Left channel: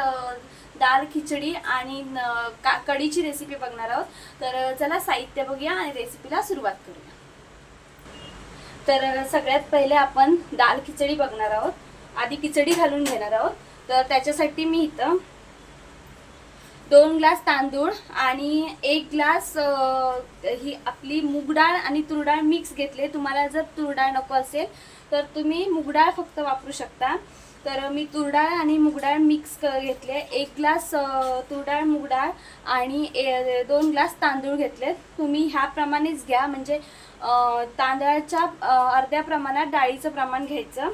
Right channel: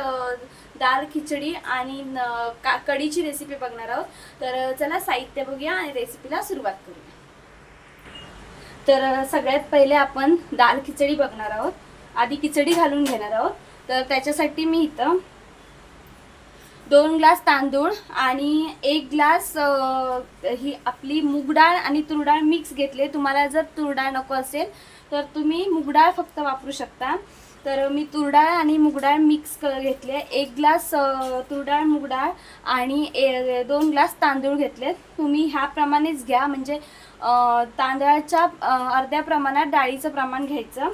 अ, दाल खिचडी आणि का कढीची रेसिपी बघणार आहोत. तर चला साहित्य बघूया आणि रेसिपीला सुरुवात करूया. तर सगळ्यात पहिले आपण दाल खिचडी बघणार आहोत. आधी खिचडी घालून घेणार आहोत. तर त्याच्यासाठी मी इथं दोन ग्लास तांदूळ आणि एक ग्लास ही आपली मूग डाळ आणि तुरडाळ मिक्स घेतले. तुम्हाला जर तुरडाळ नको असेल तर तुम्ही मूग डाळ फक्त वापरू शकता. तर मी तुरडाळ आणि मूग डाळ मिक्स क- घेतले. एक ग्लास तुरडाळ मुगडाळ मूग डाळ आणि ए- दोन ग्लास तांदूळ घेतले तुम्ही ह्याप्रमाणेच घ्या. म्हणजे तांदळाच्या अर्ध्या प्रमाणात डाळीचं प्रमाण घ्यायचं.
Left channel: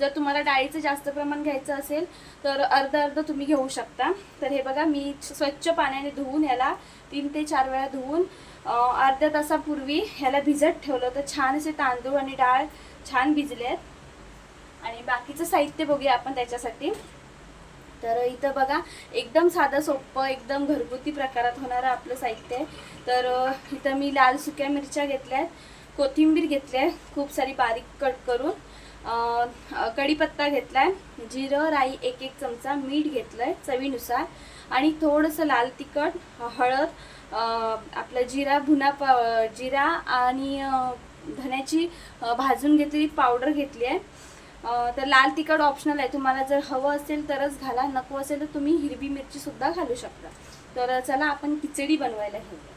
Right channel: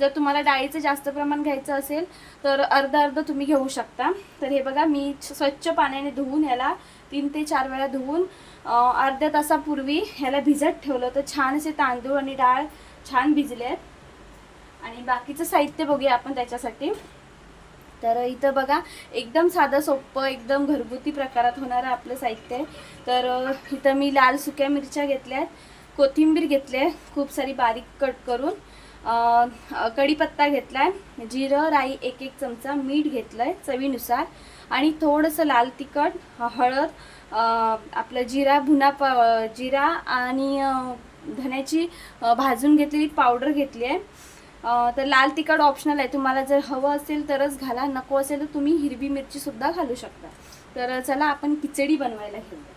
जर तुम्हाला डाळीचं जास्त प्रमाण घ्यायचं असेल तर अर्ध अर्ध तुम्ही घेऊ शकता. तर हे बघा मी स्वच्छ पाण्याने धुवून ह्याला तीन ते चार वेळा धुवून अर्ध्या तासापूर्वी ह्याला भिजत ठेवलं. तर छान असे तांदूळ आणि डाळ छान भिजले आहेत आणि बाकीचं साहित्य बघूया आपण त्याच्यासाठी. तर इथं बघा एकदम साधं सोपं एकदम घरगुती प्रकारात होणारं आपलं साहित्य आहे. तर इथं मी लाल सुक्या मिरच्या घेतल्या आहेत. कोथिंबीर घेतली आहे. खूप सारी बारीक कट करून. कढीपत्ता घेतला आहे. जिरं राई एक एक चमचा मीठ घेतलं आहे चवीनुसार. आणि थोडंसं लाल तिखट हळद आपलं जिरा भुना प जिरा आणि धन्याची धण्याची भाजून घेतलेली पावडर घेतली आहे. तर लाल तिखट ऑप्शनल आहे. तुम्हाला जर हवं असेल तरच घाला. नको असेल तर तुम्ही हिरवी मिरची सुद्धा घालू शकता. तर चला आपण खिचडी बनवायला घेऊया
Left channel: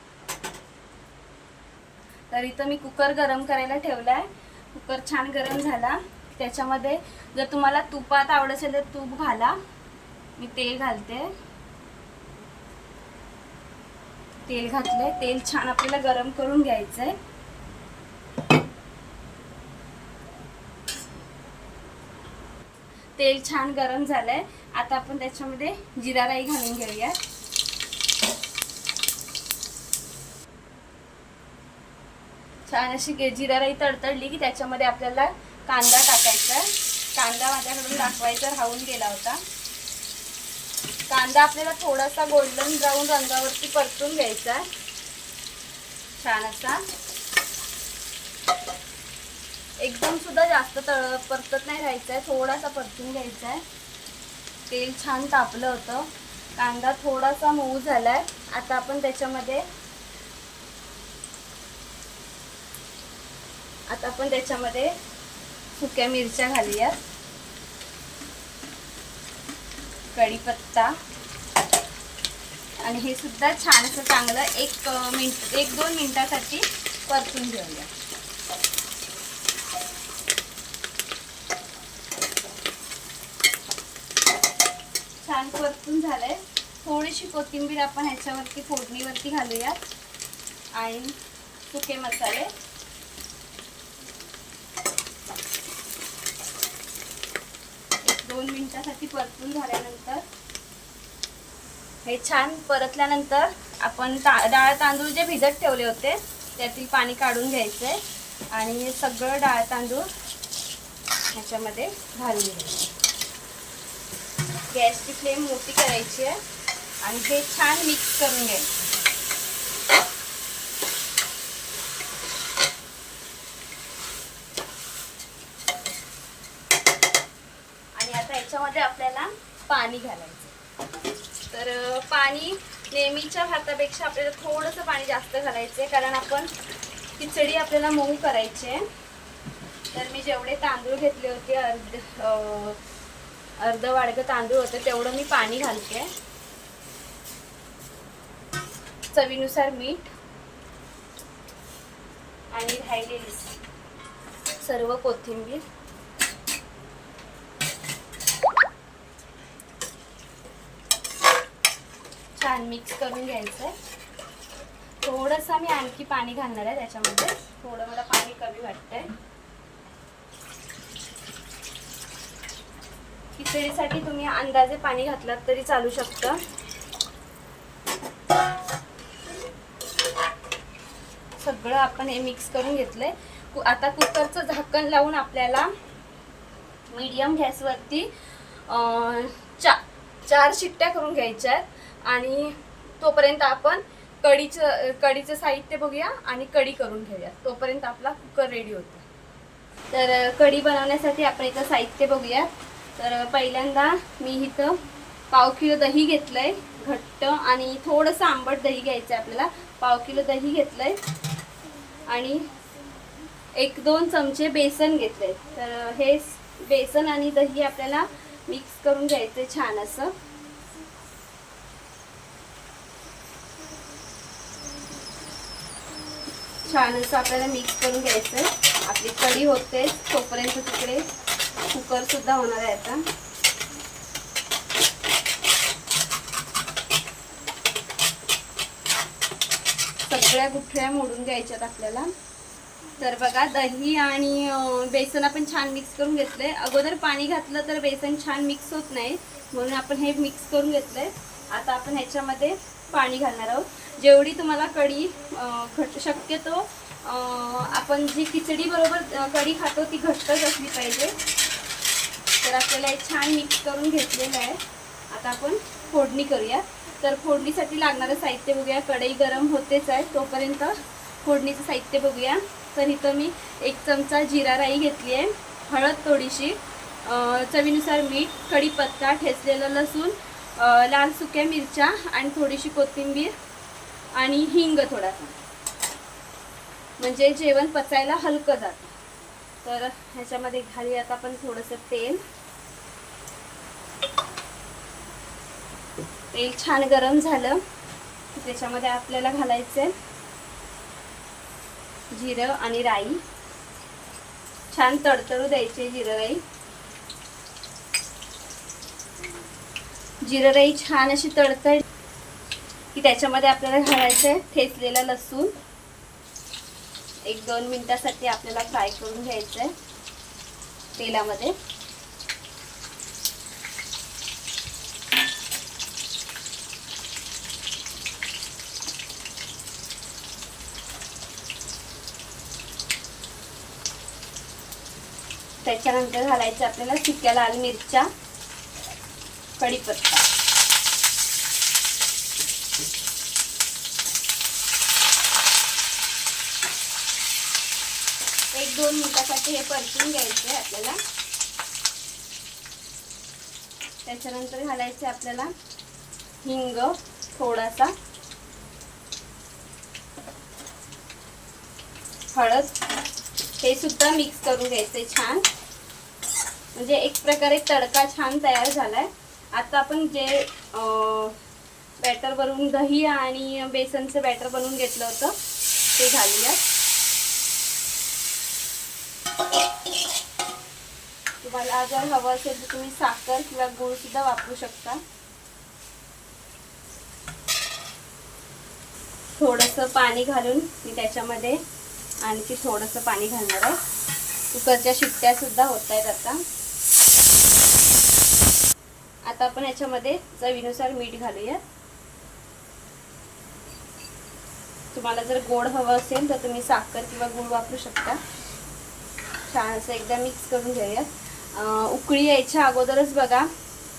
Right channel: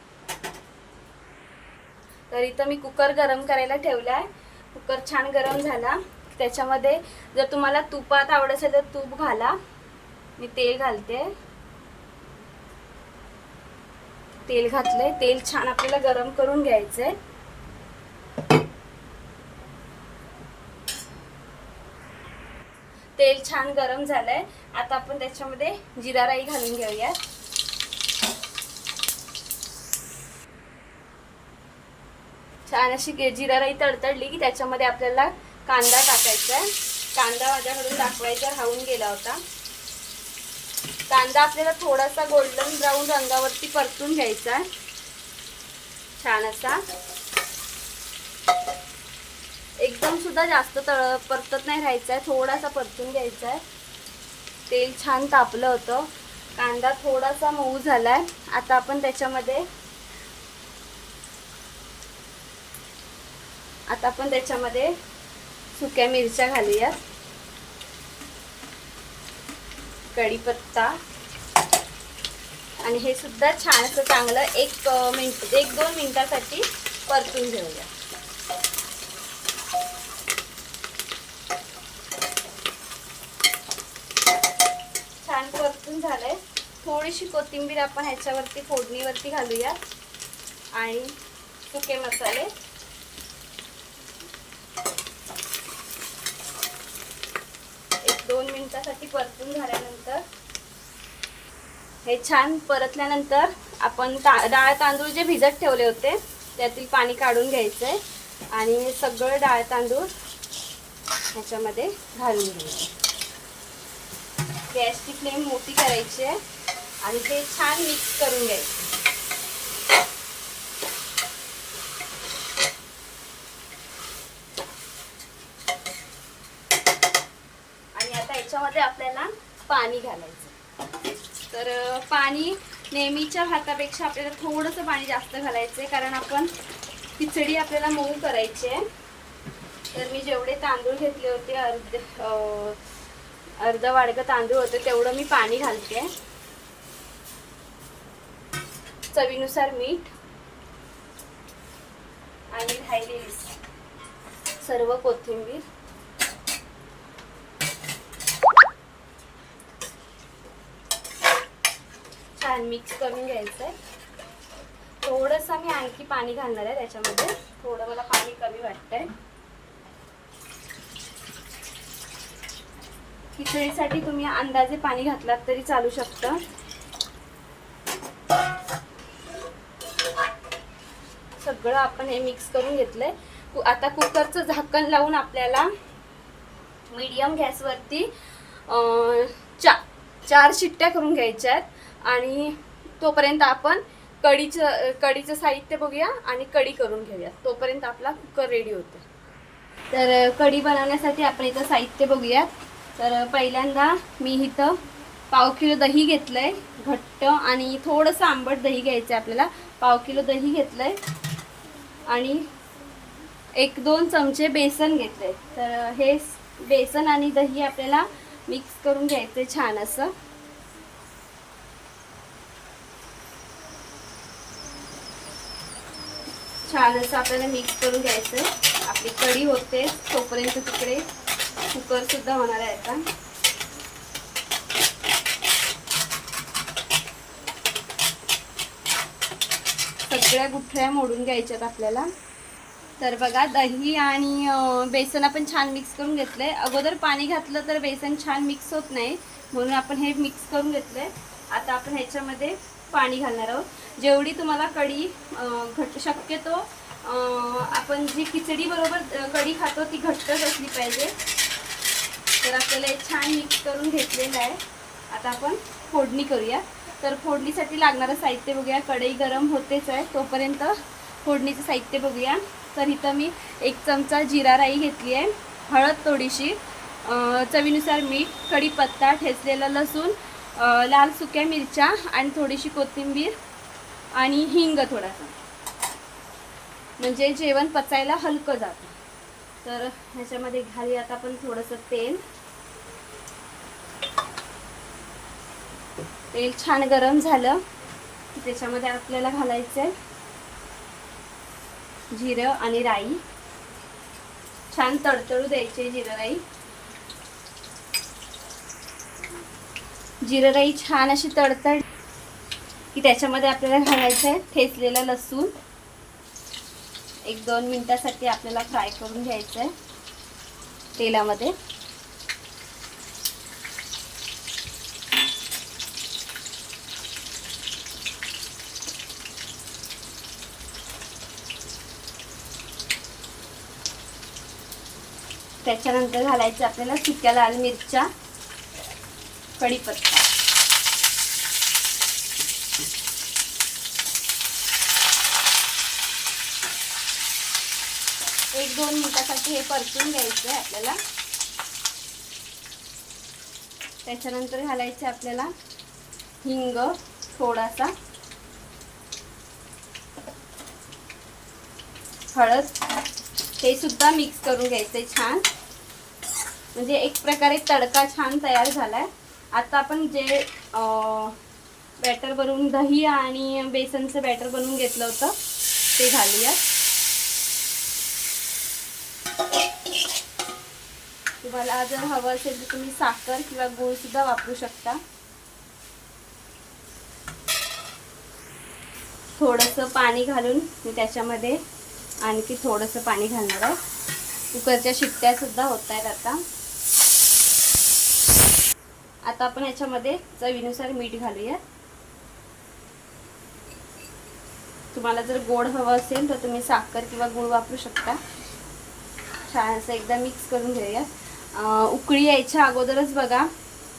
तर इथं मी कुकर गरम करायला ठेवला आहे. कुकर छान गरम झाला. त्याच्यामध्ये जर तुम्हाला तुपात आवडत असेल तर तूप घाला. मी तेल घालते. तेल घातले तेल छान आपल्याला गरम करून घ्यायचंय. तेल छान गरम झालंय. आता आपण त्याच्यामध्ये जिरा राई घालून घेऊया छान अशी जिरा राई तडतडली की त्याच्यामध्ये आपल्याला कांदा टाकायचा आहे. कांदा माझ्याकडून दाखवायचा राहून गेला होता. कांदा आपल्याला थोडासा गोल्डन ब्राऊन रंगावरती परतून घ्यायचा आहे. छान असा. एकदम सुद्धा जास्त तळ परतत नाही राहायचा आहे थोडासा परतून घ्यायचा आहे तेल छान तापलं होतं. कांदा थोडासा मऊ झाला आहे आता आपण त्याच्यामध्ये आता आपण त्याच्यामध्ये सुक्या मिरच्या घालूयात. कढीपत्ता. आणि हे सुद्धा छान असं चांगलं एक मिनट मिनिट एक दोन मिनिटासाठी परतून घेऊया छान परतून झालंय. थोडीशी कोथिंबीर आपण ह्याच्यावरती फोडणीवरती घालूया. आणि सुके मसाले. एक दोन मिनिटासाठी परतून झाल्यानंतर हे छान परतल्यानंतर आपण ता डाळ तांदूळ जे भिजत ठेवले होते त्यातील पाणी काढून घ्यायचंय. आणि हे सगळं डाळ तांदूळ ह्याच्यामध्ये घालून घ्यायचं. गॅसची फ्लेम मोठी करायची आहे. आणि हे छान मिक्स करून घ्यायचं. आणि आता याच्यामध्ये आपल्याला पाणी घालायचं. तर पाणी नेहमीच्या भातापेक्षा आपल्याला थोडंसं पाणी जास्त घालायचं आहे कारण आपण खिचडी आपल्याला मऊ करायची आहे. तर मी जेवढे तांदूळ घेतले होते अर्ध अं, अर्ध वाडगं तांदूळ होते तेवढं मी पाणी घालते. चवीनुसार मीठ आणि राहिलेली सर्व कोथिंबीर. छान मिक्स करून घ्यायचं आहे थोडंसं मी आणखी पाणी घालणार आहे त्याच्यामध्ये. थोडं मला पाणी कमी वाटतंय. खिचडीसाठी तुम्ही अंदाजे पाणी घातलात तरी चालू शकतं. सगळं आपण हे मिक्स करून घेतलंय. कु- आता कुकरचं झाकण लावून आपल्याला मीडियम गॅसवरती चा चार शिट्ट्या करून घ्यायच्या आहेत. आणि तोपर्यंत आपण कढीचं कढीचं साहित्य बघूया आणि कढी करून घेऊया. तोपर्यंत आपला कुकर रेडी होतो. तर कढी बनवण्यासाठी आपण इथं साहित्य बघूया तर पहिल्यांदा मी इथं पाव किलो दही घेतलंय घट्ट आणि थोडंसं आंबट दही घ्यायचं आहे आपल्याला. पाव किलो दही घेतलंय आणि एक दोन चमचे बेसन घेतलंय. तर हे बेसन आणि दही आपल्याला मिक्स करून घ्यायचं छान असं. छान असं आपल्याला मिक्स करून घ्यायचं आपली कढी होते तोपर्यंत तिकडे कुकर सुद्धा होणार आहे आता. सगळ्या गुठळ्या मोडून घ्यायच्यात आपल्याला. तर बघा दही आणि बेसन आपण छान मिक्स करून घेतलंय. अगोदर पाणी घातलं तर बेसन छान मिक्स होत नाही. म्हणून आपण हे मिक्स करून घेतलंय. आता आपण ह्याच्यामध्ये पाणी घालणार आहोत. जेवढी तुम्हाला कढी घट शक्यतो आपण जी खिचडी बरोबर कढी खातो ती घट्टच असली पाहिजे. तर आपल्याला हे छान मिक्स करून घेतलेलं आहे. आता आपण फोडणी करूया. तर फोडणीसाठी लागणारं साहित्य बघूया. कढई गरम होतेच आहे तोपर्यंत फोडणीचं साहित्य बघूया. तर इथं मी एक चमचा जिरा राई घेतली आहे. हळद थोडीशी चवीनुसार मीठ कढीपत्ता ठेचलेलं लसूण लाल सुक्या मिरच्या आणि थोडीशी कोथिंबीर आणि हिंग थोडासा. म्हणजे जेवण पचायला हलकं जातं. तर ह्याच्यामध्ये घालूयात आपण थोडंसं तेल. तेल छान गरम झालं. त्याच्यामध्ये आपल्याला घालायचं जिरं आणि राई. छान तडतडू द्यायचे जिरं राई. जिरं राई छान अशी तडतड की त्याच्यामध्ये आपल्याला घालायचं आहे ठेचलेला लसूण. एक दोन मिनिटासाठी आपल्याला फ्राय करून घ्यायचं आहे तेलामध्ये. त्याच्यानंतर घालायचं आपल्याला सुक्या लाल मिरच्या कढीपत्ता. त्यासाठी हे परतून घ्यायचं आहे आपल्याला. त्याच्यानंतर घालायचे आपल्याला हिंग थोडासा. हळद. हे सुद्धा मिक्स करून घ्यायचंय छान. म्हणजे एक प्रकारे तडका छान तयार झालाय. आता आपण जे बॅटर बनवून दही आणि बेसनचं बॅटर बनवून घेतलं होतं ते घालूयात. तुम्हाला जर हवं असेल तर तुम्ही साखर किंवा गूळ सुद्धा वापरू शकता. थोडंसं पाणी घालून मी त्याच्यामध्ये आणखी थोडंसं पाणी घालणार आहे. कुकरच्या शिट्ट्या सुद्धा होत आहेत आता. आता आपण ह्याच्यामध्ये चवीनुसार मीठ घालूया. तुम्हाला जर गोड हवं असेल तर तुम्ही साखर किंवा गूळ वापरू शकता. छान असं एकदा मिक्स करून घेऊया उकळी यायच्या अगोदरच बघा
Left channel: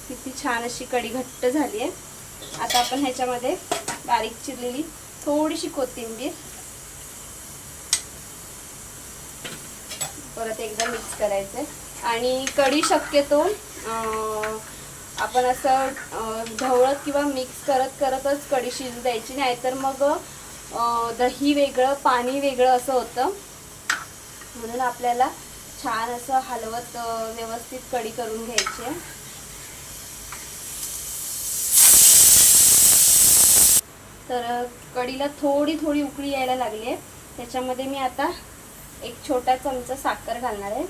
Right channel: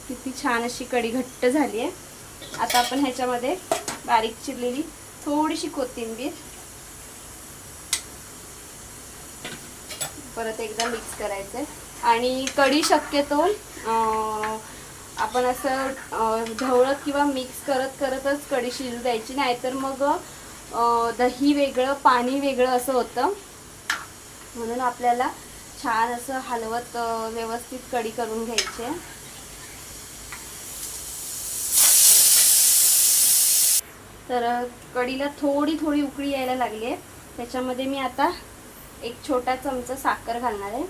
किती छान अशी कढी घट्ट झाली आहे. आता आपण ह्याच्यामध्ये बारीक चिरलेली थोडीशी कोथिंबीर परत एकदा मिक्स करायचं आणि कढी शक्यतो आपण असं ढवळत किंवा मिक्स करत करतच कढी शिजू द्यायची. नाहीतर मग दही वेगळं पाणी वेगळं असं होतं. म्हणून आपल्याला छान असं हलवत व्यवस्थित कढी करून घ्यायची. आहे. तर कडीला कढीला थोडी थोडी उकळी यायला लागली आहे. त्याच्यामध्ये मी आता एक छोटा चमचा साखर घालणार आहे.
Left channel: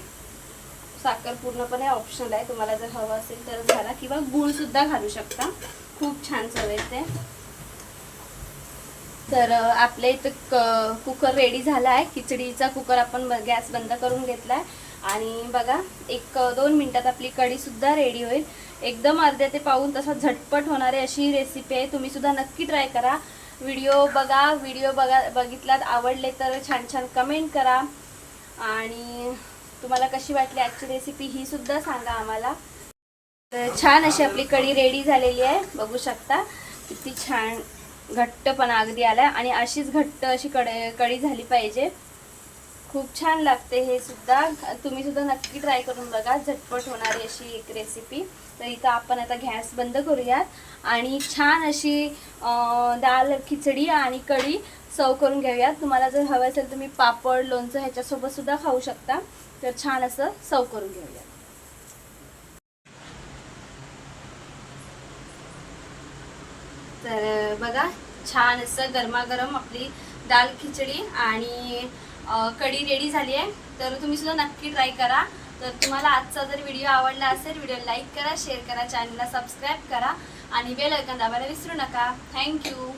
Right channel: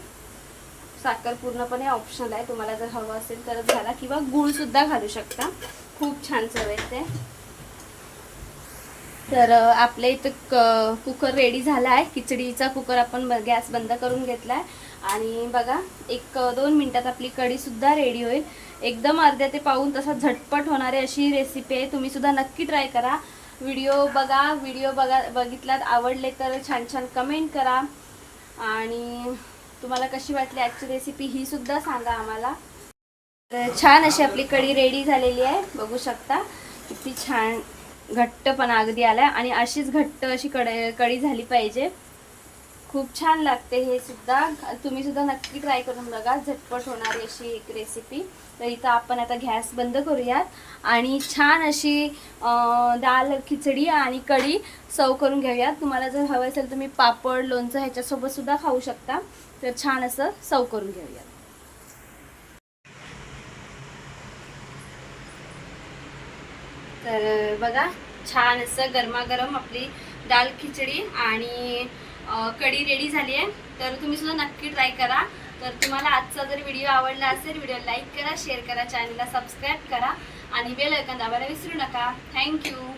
साखर पूर्णपणे ऑप्शनल आहे. तुम्हाला जर हवं असेल तरच घाला किंवा गूळसुद्धा घालू शकता. खूप छान चव येते. तर आपल्या इथं क कुकर रेडी झाला आहे खिचडीचा कुकर आपण ब- गॅस बंद करून घेतला आहे आणि बघा एक दोन मिनटात आपली कढीसुद्धा रेडी होईल. एकदम अर्ध्या ते पाहून तसा झटपट होणारी अशी रेसिपी आहे. तुम्हीसुद्धा नक्की ट्राय करा. व्हिडिओ बघा व्हिडिओ बघा बघितल्यात आवडले तर छान छान कमेंट करा. आणि तुम्हाला कशी वाटली आजची रेसिपी ही सुद्धा सांगा आम्हाला. तर छान अशी आपली कढी रेडी झालेली आहे. बघू शकता किती छान घट्टपणा अगदी आला आणि अशीच घट्ट अशी कढ कढी झाली पाहिजे. खूप छान लागते हे सुद्धा. तुम्ही सुद्धा नक्की ट्राय करून बघा. झटपट होणारी अशी एक रेसिपी तर इथं आपण आता गॅस बंद करूयात. आणि छान अशी दाल खिचडी आणि कढी सर्व करून घेऊयात. तुम्हाला जर हवं असेल तुम्ही पापड लोणचं ह्याच्यासोबत सुद्धा खाऊ शकता. तर छान असं सर्व करून घेऊयात. तर बघा छान असं गरमागरम आपली दाल खिचडी आणि कढी रेडी झाली आहे. तर तुम्ही सुद्धा नक्की ट्राय करा. तर तुम्हाला आजचा जर व्हिडिओ आवडला असेल व्हिडिओ लाईक करा शेअर करा चॅनलला सबस्क्राईब करा आणि बेल ऐकून दाबायला विसरू नका. थँक्यू